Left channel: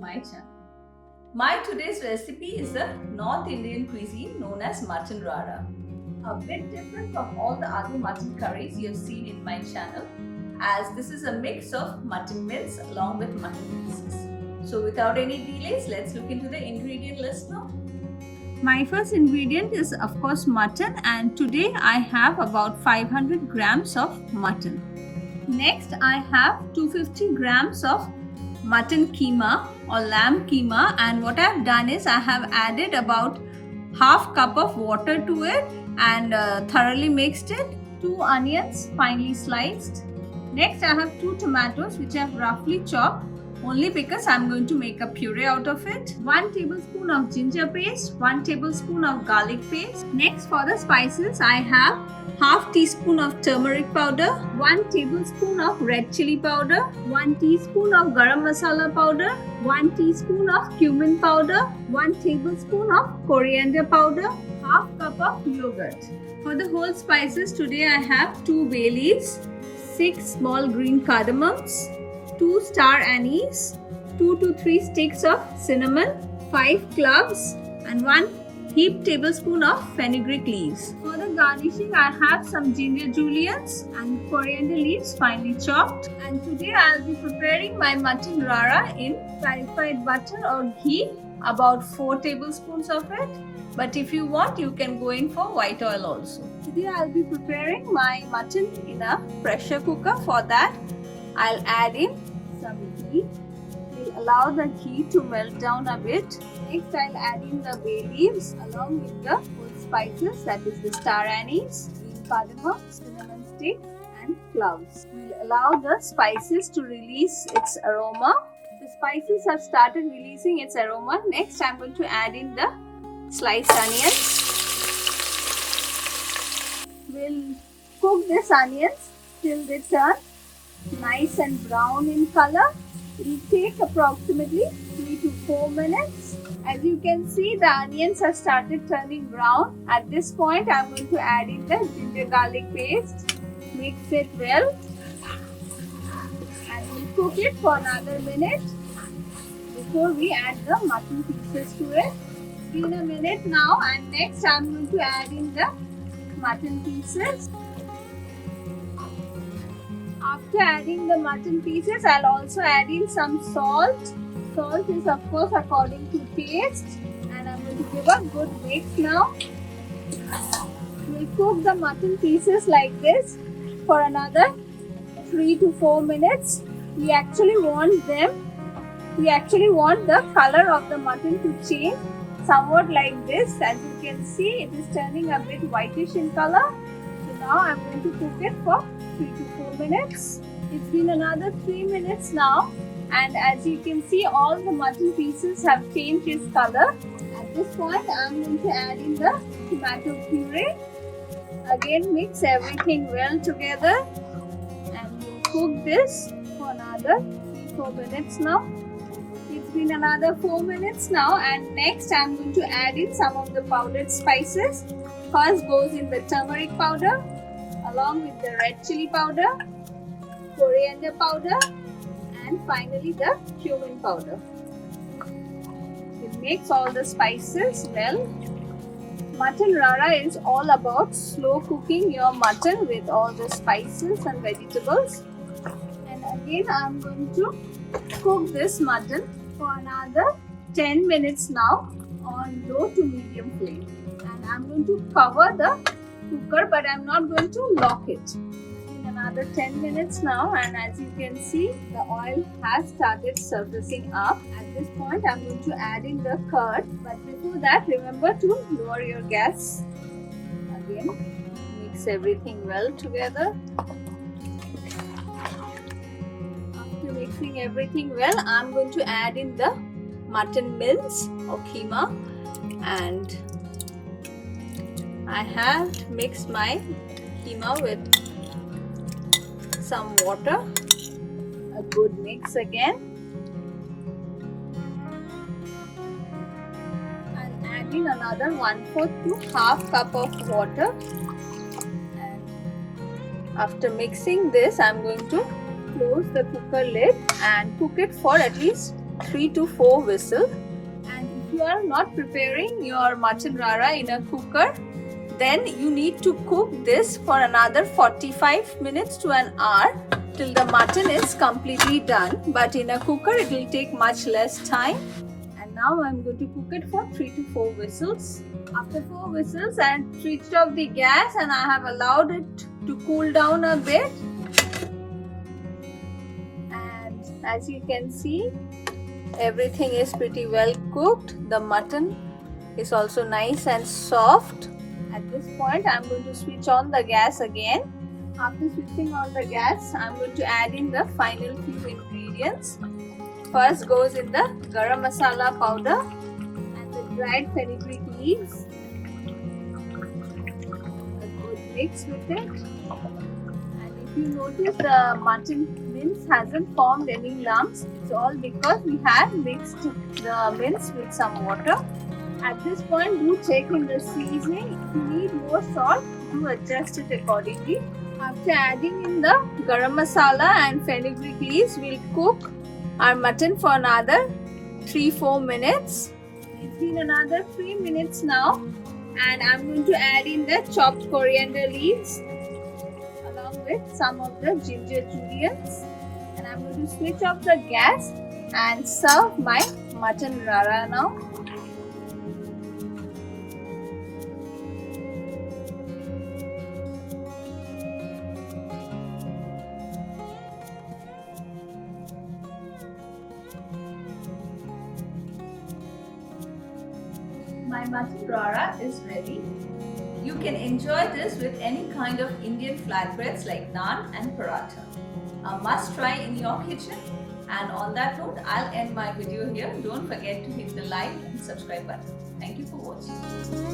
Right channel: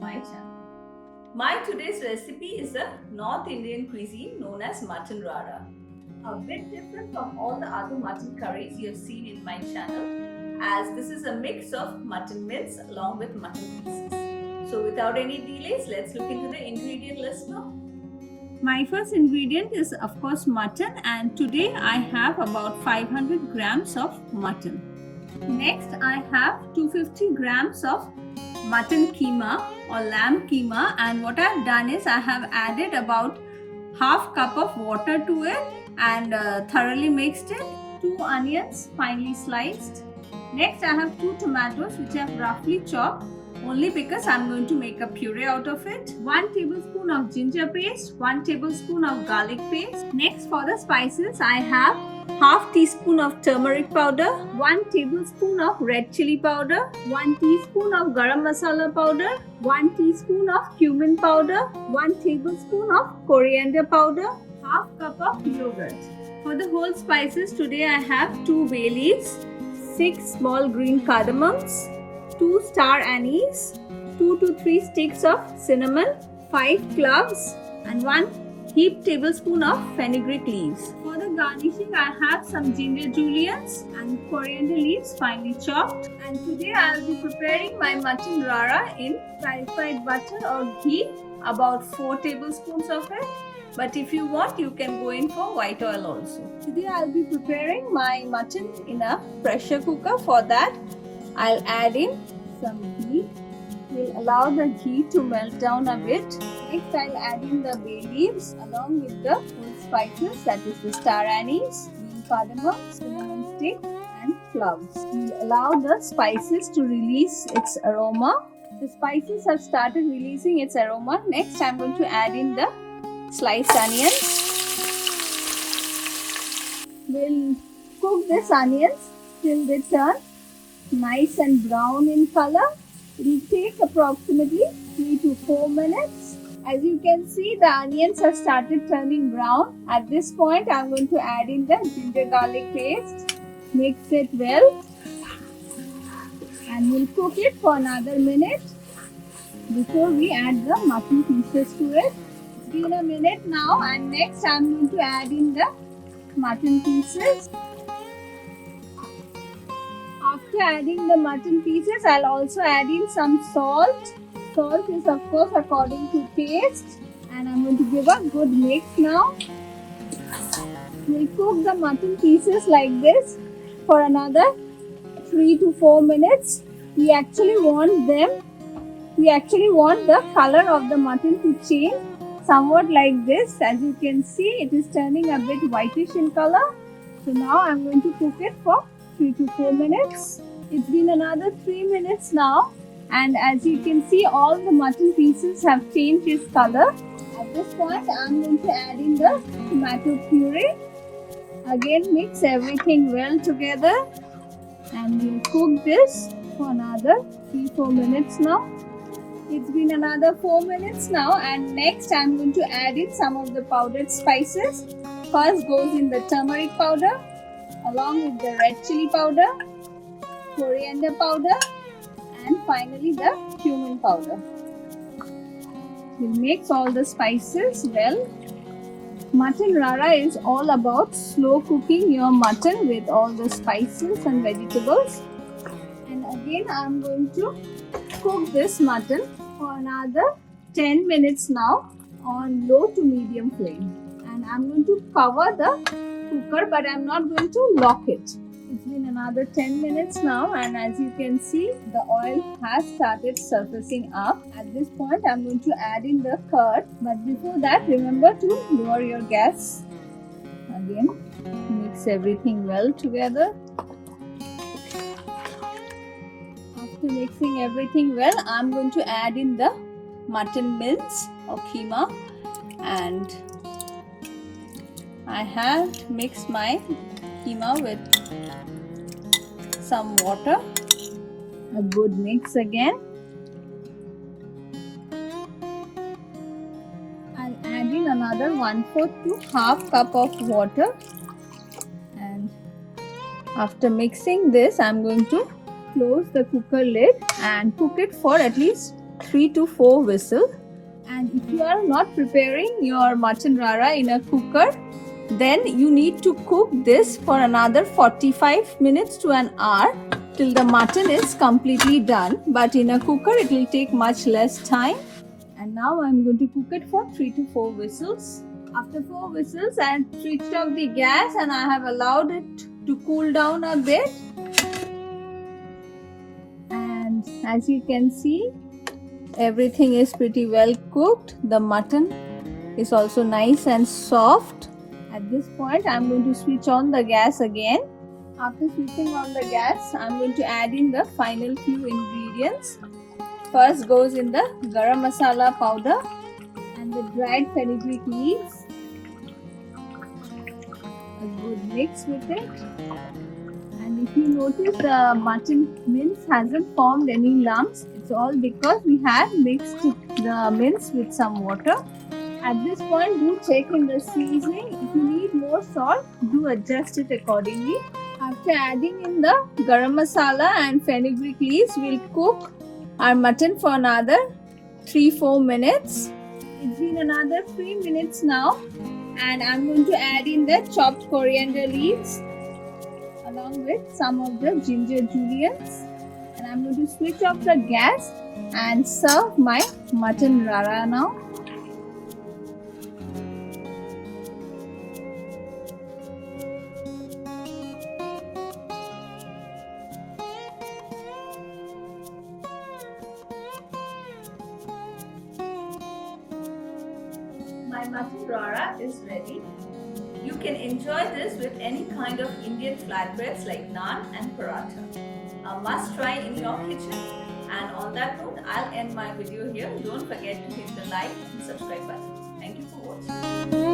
my channel. My today's recipe is a North Indian cuisine known as mutton rara. A bit different from all the other mutton curries you have seen in my channel, as this is a mix of mutton mince along with mutton pieces. So without any delays, let's look into the ingredient list now. My first ingredient is of course mutton, and today I have about 500 grams of mutton. Next I have 250 grams of mutton keema or lamb keema, and what I have done is I have added about half cup of water to it and thoroughly mixed it. 2 onions finely sliced. Next I have 2 tomatoes which I have roughly chopped, only because I'm going to make a puree out of it. 1 tablespoon of ginger paste, 1 tablespoon of garlic paste. Next for the spices I have half teaspoon of turmeric powder, 1 tablespoon of red chili powder, 1 teaspoon of garam masala powder, 1 teaspoon of cumin powder, 1 tablespoon of coriander powder, half cup of yogurt. For the whole spices today I have 2 bay leaves, 6 small green cardamoms, 2 star anise, 2 to 3 sticks of cinnamon, 5 cloves and 1 heaped tablespoon of fenugreek leaves. For the garnishing I have some ginger juliennes and coriander leaves finely chopped. And today I will be preparing my mutton rara in clarified butter or ghee, about 4 tablespoons of it. But if you want, you can go in for white oil also. Today I will be preparing my mutton in a pressure cooker. For that I'll add in some ghee. We'll allow the ghee to melt down a bit. Next I'll add in the bay leaves along with the spices, that is the star anise, green cardamom, cinnamon stick and cloves. We'll allow the spices to release its aroma. The spices have started releasing its aroma. Next I'm going to add in the sliced onions. We'll cook these onions till they turn nice and brown in color. It will take approximately 3 to 4 minutes. As you can see, the onions have started turning brown. At this point, I am going to add in the ginger garlic paste. Mix it well and we'll cook it for another minute before we add the mutton pieces to it. It's been a minute now, and next I am going to add in the mutton pieces. After adding the mutton pieces, I'll also add in some salt. Salt is of course according to taste, and I'm going to give a good mix now. We'll cook the mutton pieces like this for another 3 to 4 minutes. We actually want the color of the mutton to change somewhat like this. As you can see, it is turning a bit whitish in color. So now I'm going to cook it for 3 to 4 minutes. It's been another 3 minutes now, and as you can see, all the mutton pieces have changed its color. At this point I'm going to add in the tomato puree. Again mix everything well together and we'll cook this for another 3-4 minutes now. It's been another 4 minutes now, and next I'm going to add in some of the powdered spices. First goes in the turmeric powder along with the red chili powder, coriander powder and finally the cumin powder. We'll mix all the spices well. Mutton rara is all about slow cooking your mutton with all the spices and vegetables. And again I'm going to cook this mutton for another 10 minutes now on low to medium flame. And I'm going to cover the cooker, but I'm not going to lock it. It's been another 10 minutes now, and as you can see, the oil has started surfacing up. At this point I'm going to add in the curd, but before that remember to lower your gas. Again mix everything well together. After mixing everything well, I'm going to add in the mutton mince or keema, and I have mixed my keema with some water. A good mix again. I'll add in another 1/4 to half cup of water, and after mixing this I'm going to close the cooker lid and cook it for at least 3 to 4 whistles. And if you are not preparing your mutton rara in a cooker, then you need to cook this for another 45 minutes to an hour till the mutton is completely done. But in a cooker, it will take much less time. And now I'm going to cook it for 3 to 4 whistles. After 4 whistles, I switched off the gas and I have allowed it to cool down a bit. And as you can see, everything is pretty well cooked. The mutton is also nice and soft. At this point, I'm going to switch on the gas again. After switching on the gas, I'm going to add in the final few ingredients. First goes in the garam masala powder and the dried fenugreek leaves. A good mix with it. And if you notice, the mutton mince hasn't formed any lumps. It's all because we have mixed the mince with some water. At this point, do check in the seasoning. If you need more salt, do adjust it accordingly. After adding in the garam masala and fenugreek leaves, we'll cook our mutton for another 3-4 minutes. It's been another 3 minutes now, and I'm going to add in the chopped coriander leaves along with some of the ginger juliennes, and I'm going to switch off the gas and serve my mutton rara now. My mutton rara is ready. You can enjoy this with any kind of Indian flatbreads like naan and paratha. A must try in your kitchen. And on that note, I'll end my video here. Don't forget to hit the like and subscribe button. Thank you for watching.